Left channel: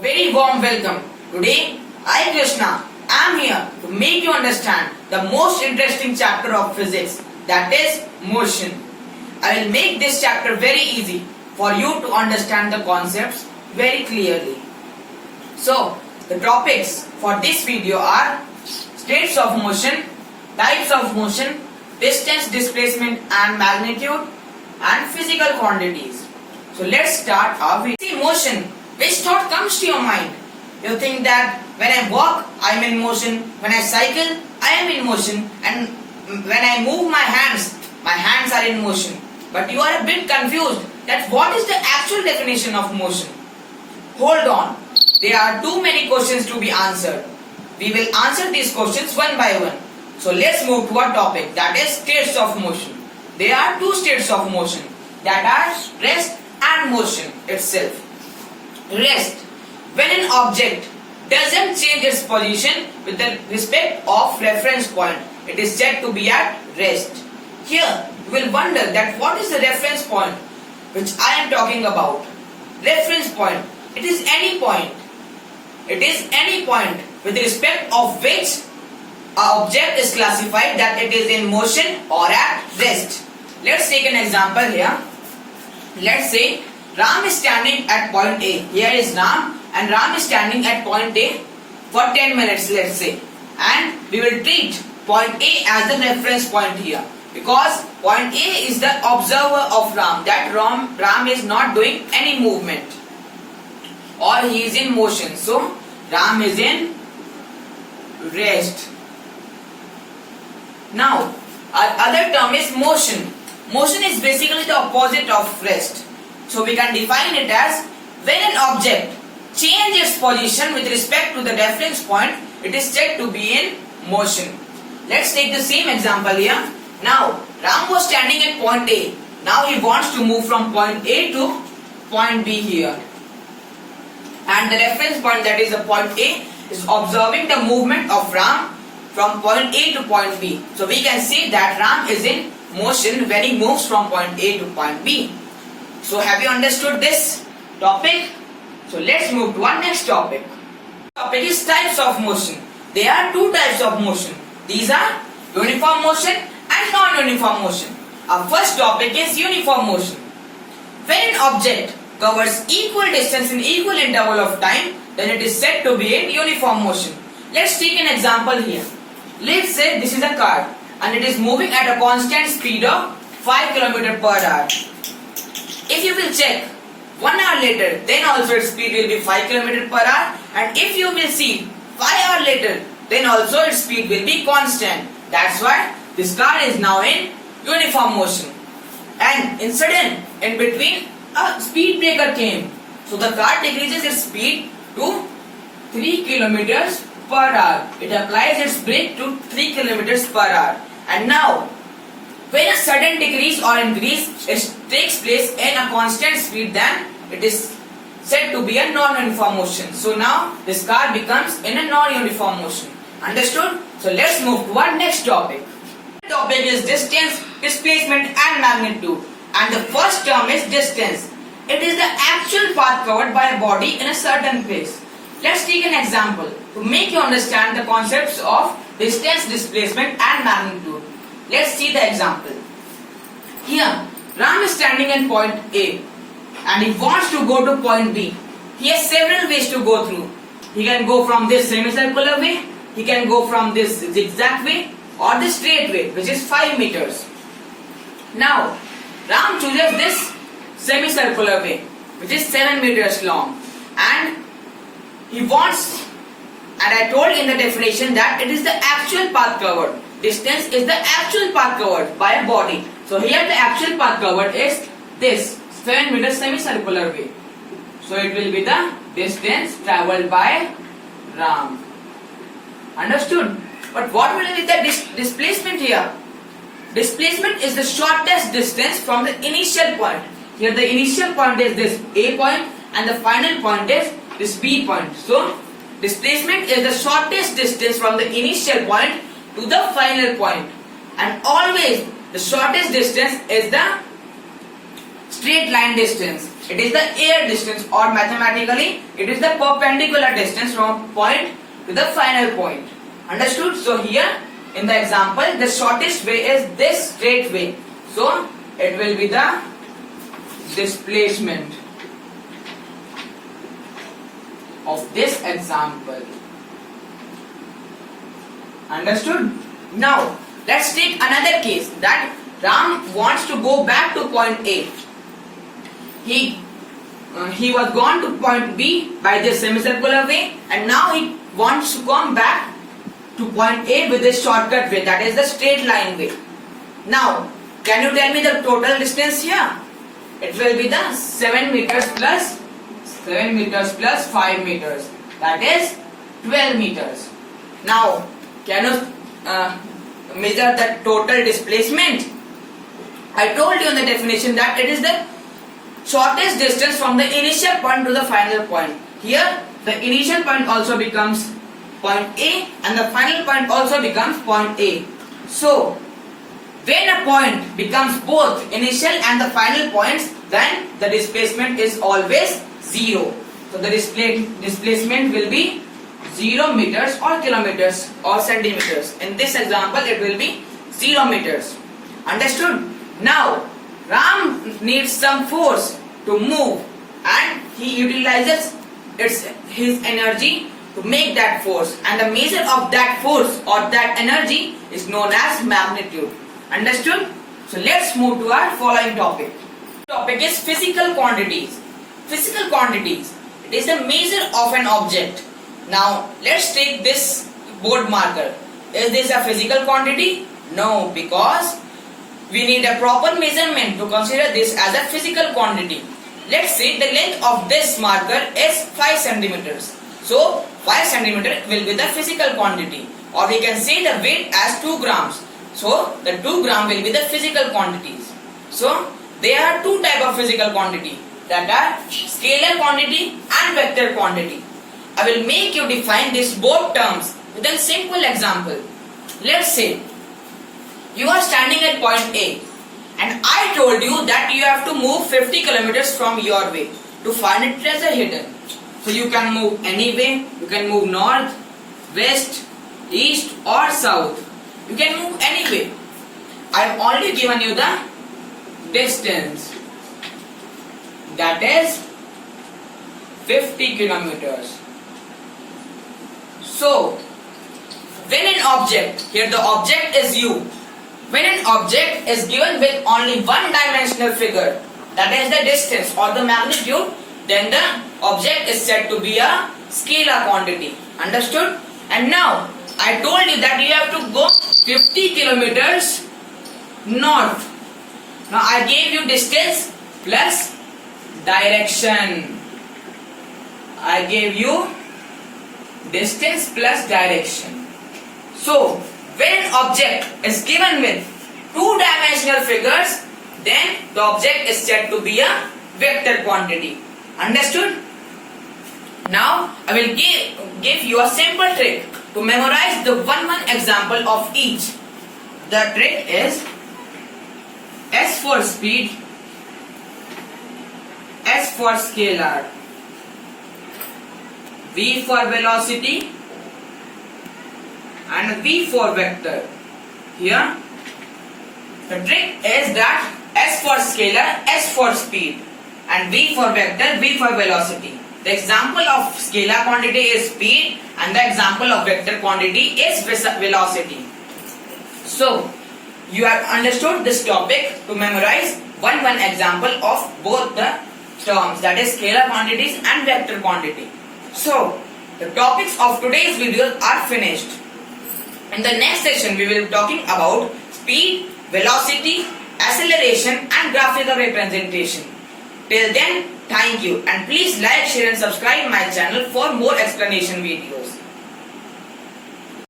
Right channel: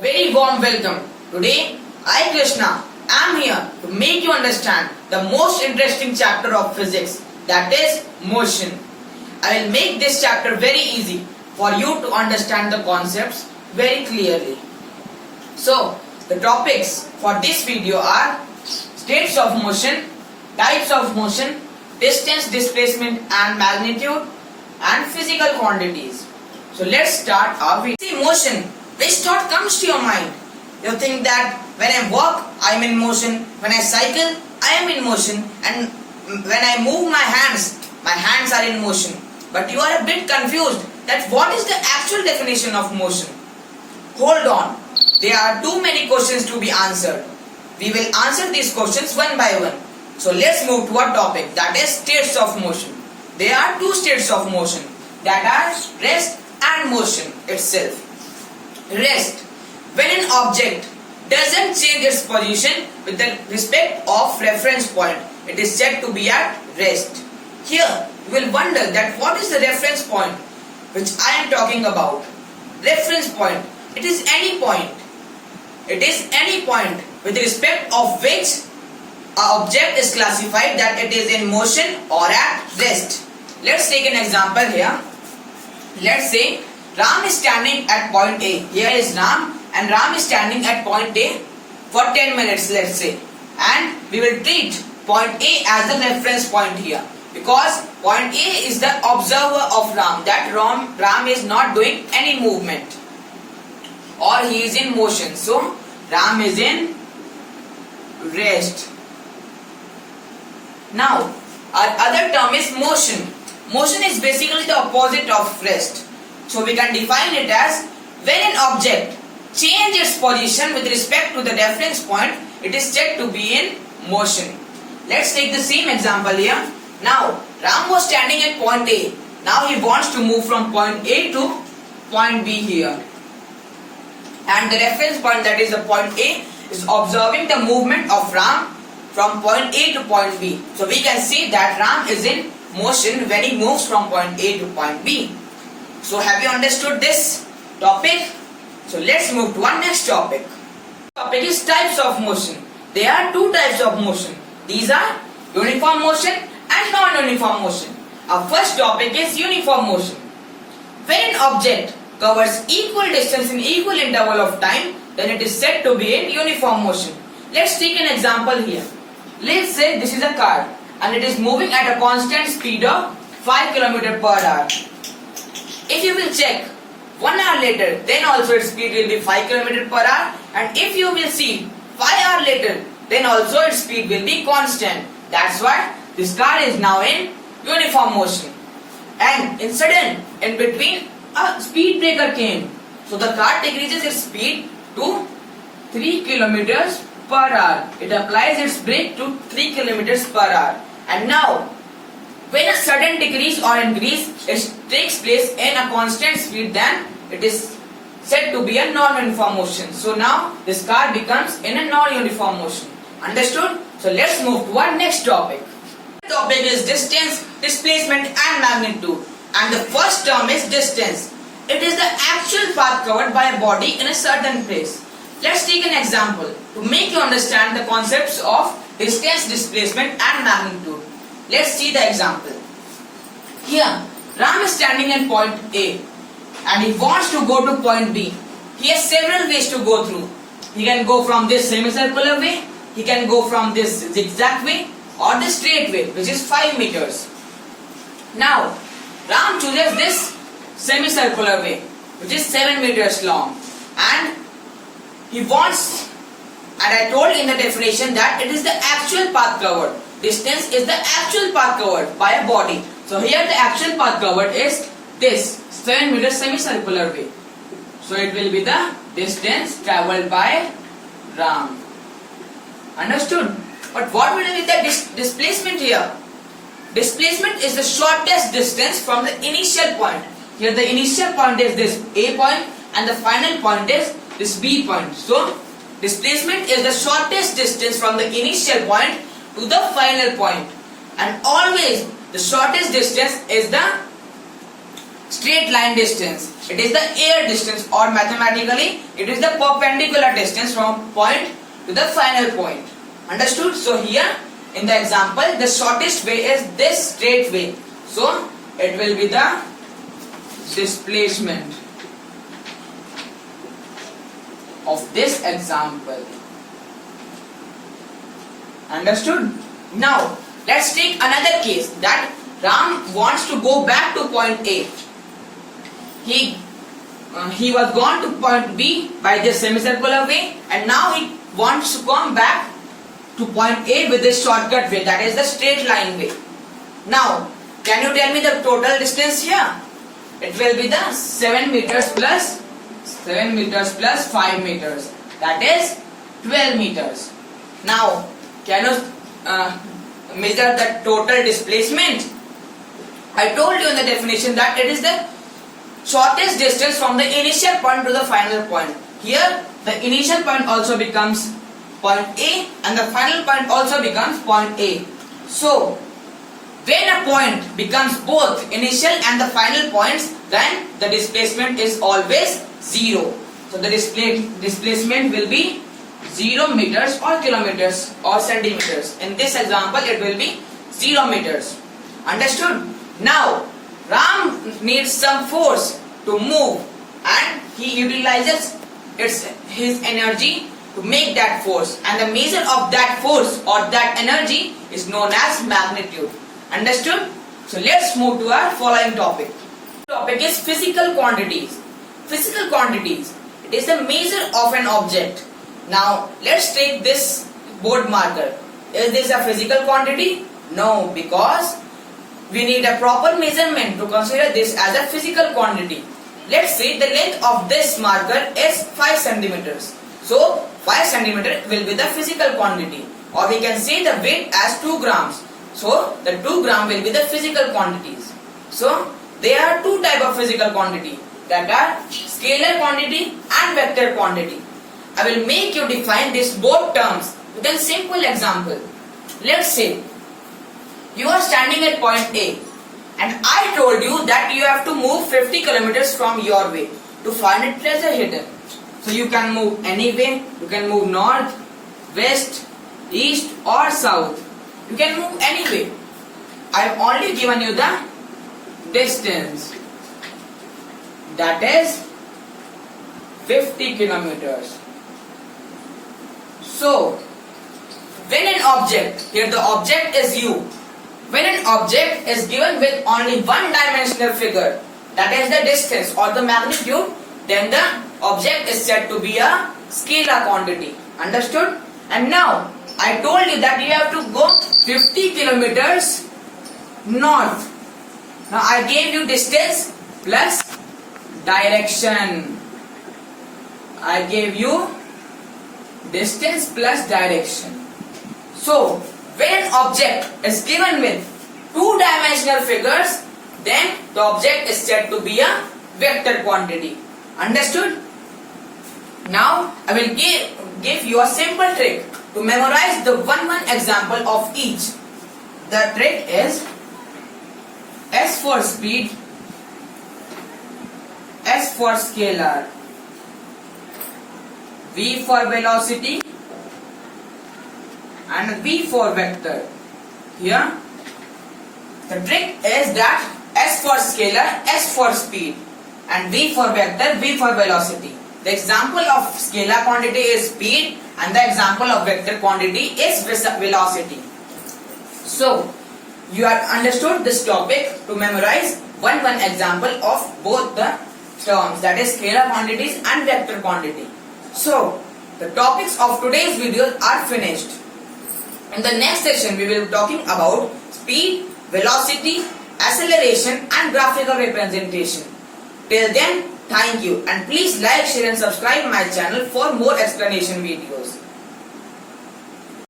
Very warm welcome. Today, I Krishna am here to make you understand the most interesting chapter of physics, that is motion. I will make this chapter very easy for you to understand the concepts very clearly. So, the topics for this video are states of motion, types of motion, distance, displacement and magnitude, and physical quantities. So let's start our video. See motion. Which thought comes to your mind? You think that when I walk, I am in motion. When I cycle, I am in motion. And when I move my hands are in motion. But you are a bit confused that what is the actual definition of motion? Hold on. There are too many questions to be answered. We will answer these questions one by one. So let's move to our topic, that is states of motion. There are two states of motion, that are rest and motion itself. Rest, when an object doesn't change its position with the respect of reference point, it is said to be at rest. Here you will wonder that what is the reference point which I am talking about. Reference point, it is any point. It is any point with respect of which an object is classified that it is in motion or at rest. Let's take an example here. Let's say Ram is standing at point A. Here is Ram and Ram is standing at point A for 10 minutes, let's say. And we will treat point A as the reference point here. Because point A is the observer of Ram. That Ram is not doing any movement. Or he is in motion. So Ram is in rest. Now our other term is motion. Motion is basically the opposite of rest. So we can define it as when an object changes its position with respect to the reference point, it is said to be in motion. Let's take the same example here. Now Ram was standing at point A. Now he wants to move from point A to point B here. And the reference point, that is the point A, is observing the movement of Ram from point A to point B. So we can say that Ram is in motion when he moves from point A to point B. So have you understood this topic? So let's move to our next topic. Topic is types of motion. There are two types of motion. These are uniform motion and non-uniform motion. Our first topic is uniform motion. When an object covers equal distance in equal interval of time, then it is said to be in uniform motion. Let's take an example here. Let's say this is a car and it is moving at a constant speed of 5 km per hour. If you will check 1 hour later, then also its speed will be 5 km per hour, and if you will see 5 hours later, then also its speed will be constant. That's why this car is now in uniform motion. And in between a speed breaker came. So the car decreases its speed to 3 km per hour. It applies its brake to 3 km per hour. And now when a sudden decrease or increase takes place in a constant speed, then it is said to be a non-uniform motion. So now this car becomes in a non-uniform motion. Understood? So let's move to our next topic. The topic is distance, displacement and magnitude. And the first term is distance. It is the actual path covered by a body in a certain place. Let's take an example to make you understand the concepts of distance, displacement and magnitude. Let's see the example. Here, Ram is standing at point A and he wants to go to point B. He has several ways to go through. He can go from this semicircular way, he can go from this zigzag way or the straight way, which is 5 meters. Now, Ram chooses this semicircular way, which is 7 meters long, and he wants, and I told in the definition that it is the actual path covered. Distance is the actual path covered by a body. So here the actual path covered is this 7 meter semicircular way. So it will be the distance travelled by Ram. Understood? But what will be the displacement here? Displacement is the shortest distance from the initial point. Here the initial point is this A point and the final point is this B point. So displacement is the shortest distance from the initial point to the final point, and always the shortest distance is the straight line distance. It is the air distance, or mathematically it is the perpendicular distance from point to the final point. Understood? So here in the example, the shortest way is this straight way. So it will be the displacement of this example. Understood? Now let's take another case that Ram wants to go back to point A. He was gone to point B by this semicircular way, and now he wants to come back to point A with this shortcut way, that is the straight line way. Now can you tell me the total distance here? It will be the 7 meters plus 5 meters, that is 12 meters. Now can you measure the total displacement? I told you in the definition that it is the shortest distance from the initial point to the final point. Here the initial point also becomes point A and the final point also becomes point A. So when a point becomes both initial and the final points, then the displacement is always 0. So the displacement will be 0 meters or kilometers or centimeters. In this example it will be 0 meters. Understood? Now Ram needs some force to move, and he utilizes his energy to make that force, and the measure of that force or that energy is known as magnitude. Understood? So let's move to our following topic. Topic is physical quantities. Physical quantities. It is the measure of an object. Now let's take this board marker. Is this a physical quantity? No, because we need a proper measurement to consider this as a physical quantity. Let's say the length of this marker is 5 centimeters. So 5 centimeter will be the physical quantity, or we can say the weight as 2 grams. So the 2 gram will be the physical quantities. So there are two types of physical quantity, that are scalar quantity and vector quantity. I will make you define these both terms with a simple example. Let's say you are standing at point A, and I told you that you have to move 50 kilometers from your way to find a treasure hidden. So you can move any way. You can move north, west, east or south. You can move any way. I have only given you the distance, that is 50 kilometers. So when an object, here the object is you, when an object is given with only one dimensional figure, that is the distance or the magnitude, then the object is said to be a scalar quantity. Understood? And now I told you that you have to go 50 kilometers north. Now I gave you distance plus direction. I gave you distance plus direction. So when an object is given with two-dimensional figures, then the object is said to be a vector quantity. Understood? Now I will give you a simple trick to memorize the one example of each. The trick is S for speed, S for scalar, V for velocity and V for vector. Here the trick is that S for scalar, S for speed, and V for vector, V for velocity. The example of scalar quantity is speed and the example of vector quantity is velocity. So you have understood this topic to memorize one example of both the terms, that is scalar quantities and vector quantity. So the topics of today's videos are finished. In the next session we will be talking about speed, velocity, acceleration and graphical representation. Till then, thank you, and please like, share and subscribe my channel for more explanation videos.